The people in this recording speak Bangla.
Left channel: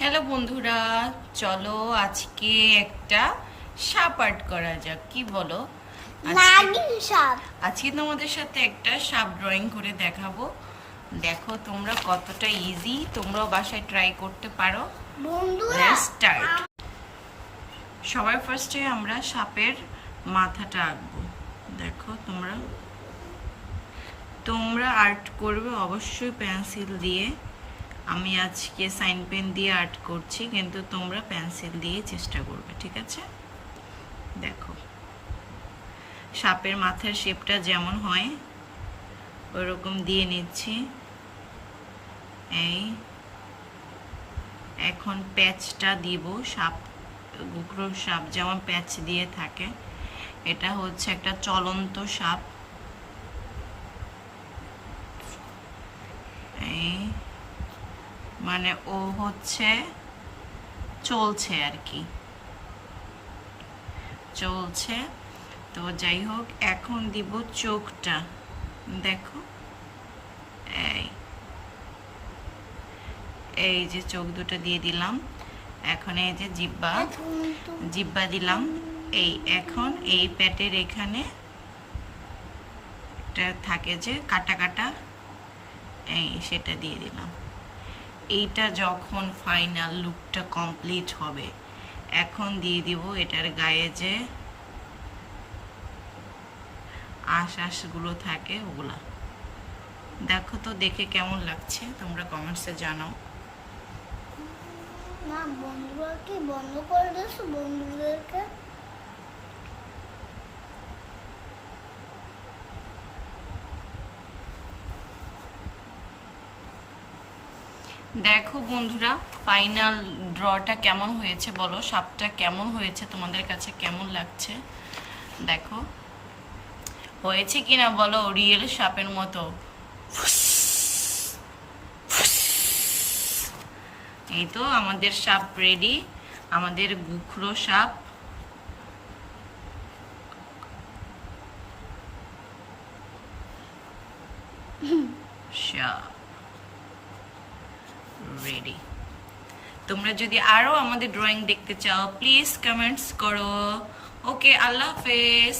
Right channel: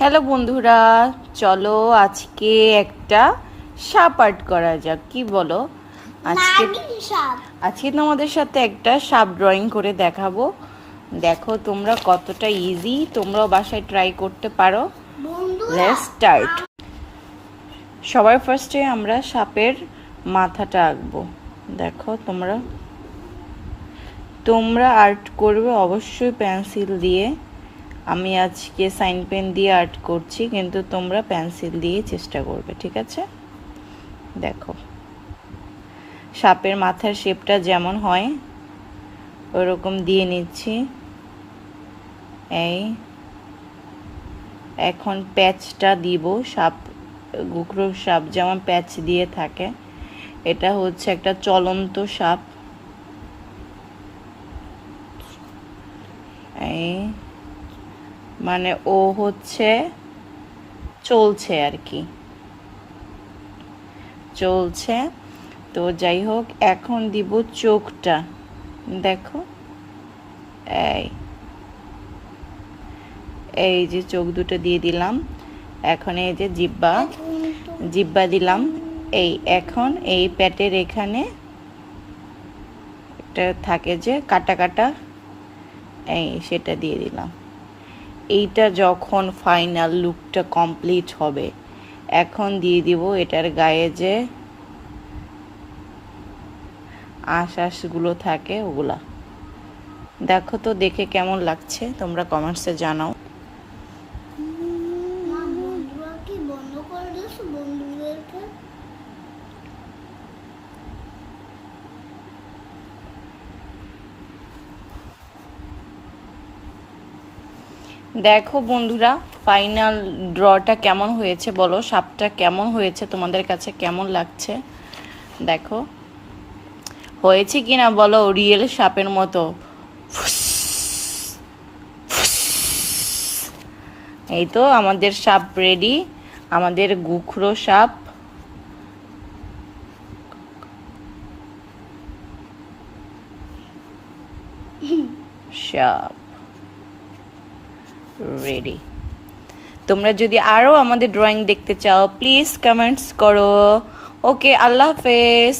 হ্যালো বন্ধুরা, চলো আজকে একটা সাপ আর্ট করা যাক, কি বলো? আজকে আজকে তোমাদের সাথে একটা সাপ ড্রয়িং করে দেখাবো। দেখো তোমরা কতটা ইজি, তোমরাও বাসায় ট্রাই করতে পারো। Let's start. সবার ফার্স্টে আমরা সাপের মাথাটা আঁকবো। দেখো তোমরা তোমরা আর্ট করবে অবশ্যই পেন্সিল দিয়ে। আমি আজকে সাইন পেন দিয়ে আর্ট করছি, কিন্তু তোমরা পেন্সিল দিয়ে চেষ্টা করবে, ঠিক আছে? দেখো সাপের মাথার শেপটা যেমন হয় ওরকম দিয়ে নিচ্ছি। এই এখন প্যাচটা দিব। সাপ, গুকরো সাপ যেমন প্যাচ দিয়ে থাকে, এটা হচ্ছে একটা চলন্ত সাপ। এই মানে ও হচ্ছে চলছে আর কি, চলছে। তো যাই হোক, এখন দিব চোখটা। দেখো এই এই যে চোখ দুটো দিয়ে দিলাম। এখন এই যে জিব্বা জিব্বা দিলাম। এই এখন এই পেটের এখানে একটা থাকে যে কাটা কাটা, এই সেটা দিয়ে দিলাম। এইটা যখন ফাইনাল লুকটা কমপ্লিট হবে, এখন দিয়ে দিব এটার গায়ে যে আঁশগুলো থাকে ওগুলা। দেখো তো দেখে কেমন লাগছে, তোমরা কমেন্টসে জানাও। দেখো বন্ধুরা, ফাইনাল ড্রটা কেমন হয়েছে বলো, সাপটা কেমন হয়েছে, তোমাদের কাছে কেমন লাগছে? দেখো হয়েছে কিনা বলো, রিয়েল সাপের মতো। এই তো আমাদের সাপ রেডি, আমাদের গুখরো সাপ। সাপ রেডি। তোমরা যদি আরো আমাদের ড্রয়িং দেখতে চাও, প্লিজ কমেন্টস করো। ওকে, আল্লাহ হাফেজ।